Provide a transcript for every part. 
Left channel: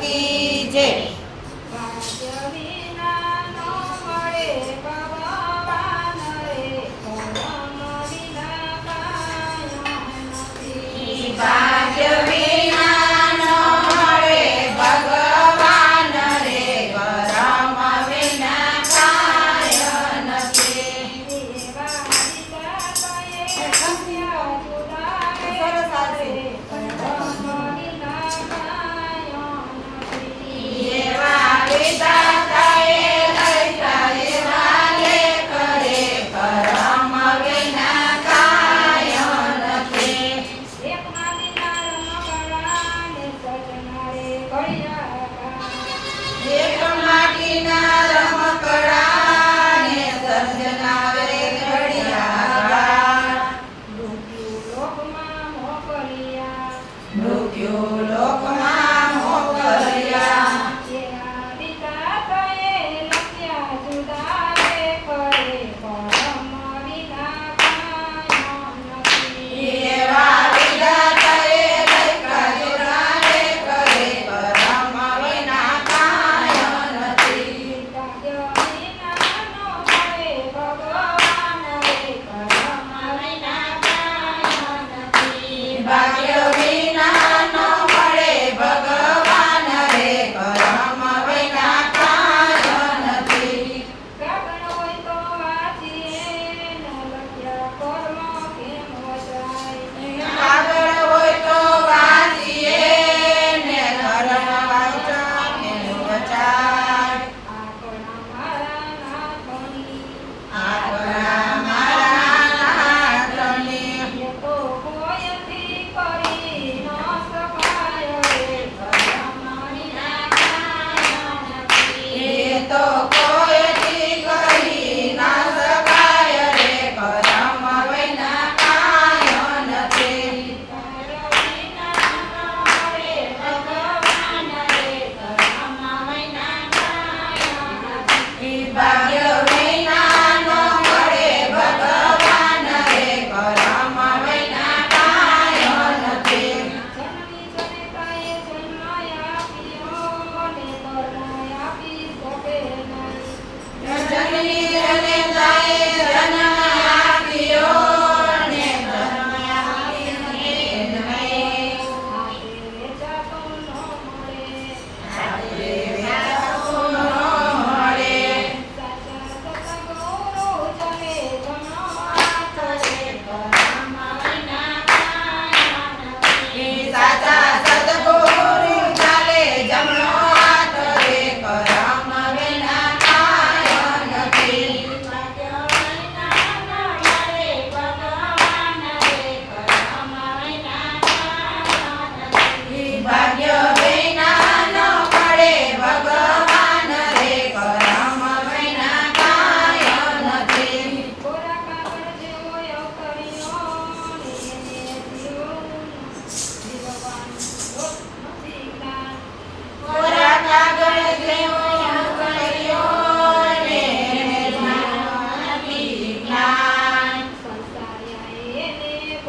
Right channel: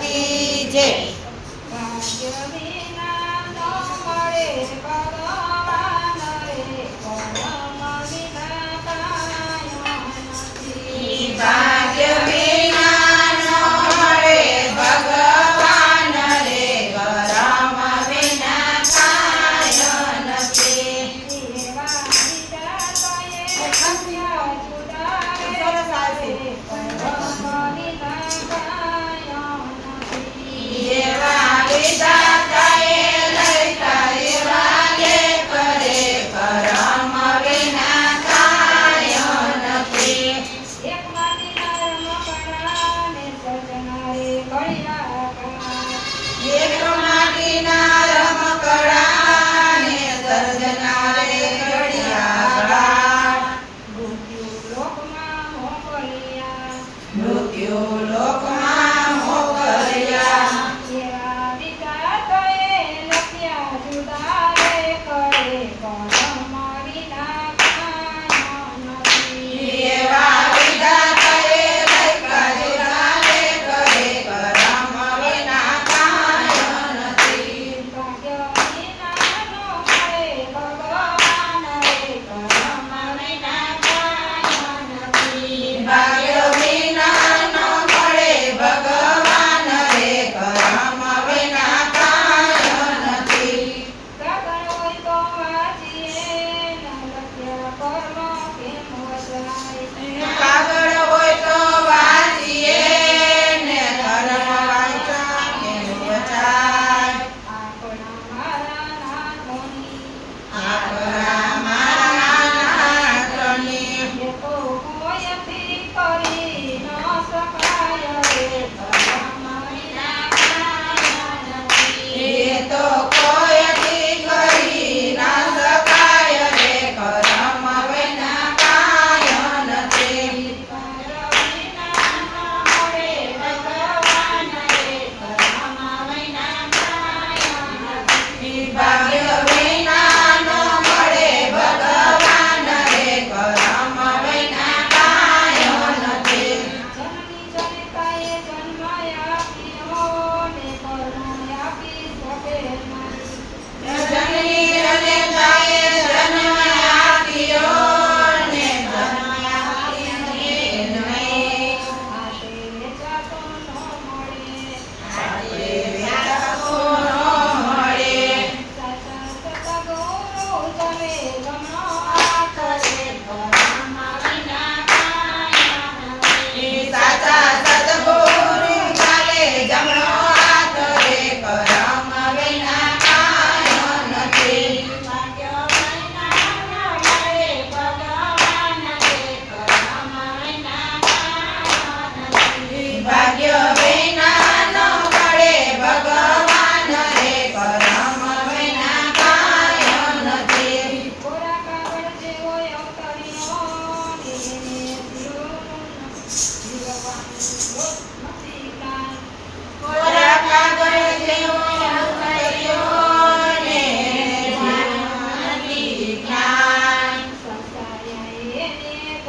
કી જય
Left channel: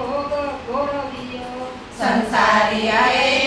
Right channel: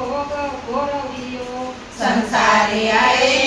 ભોગ ભોળવ્યો સંસારે આયે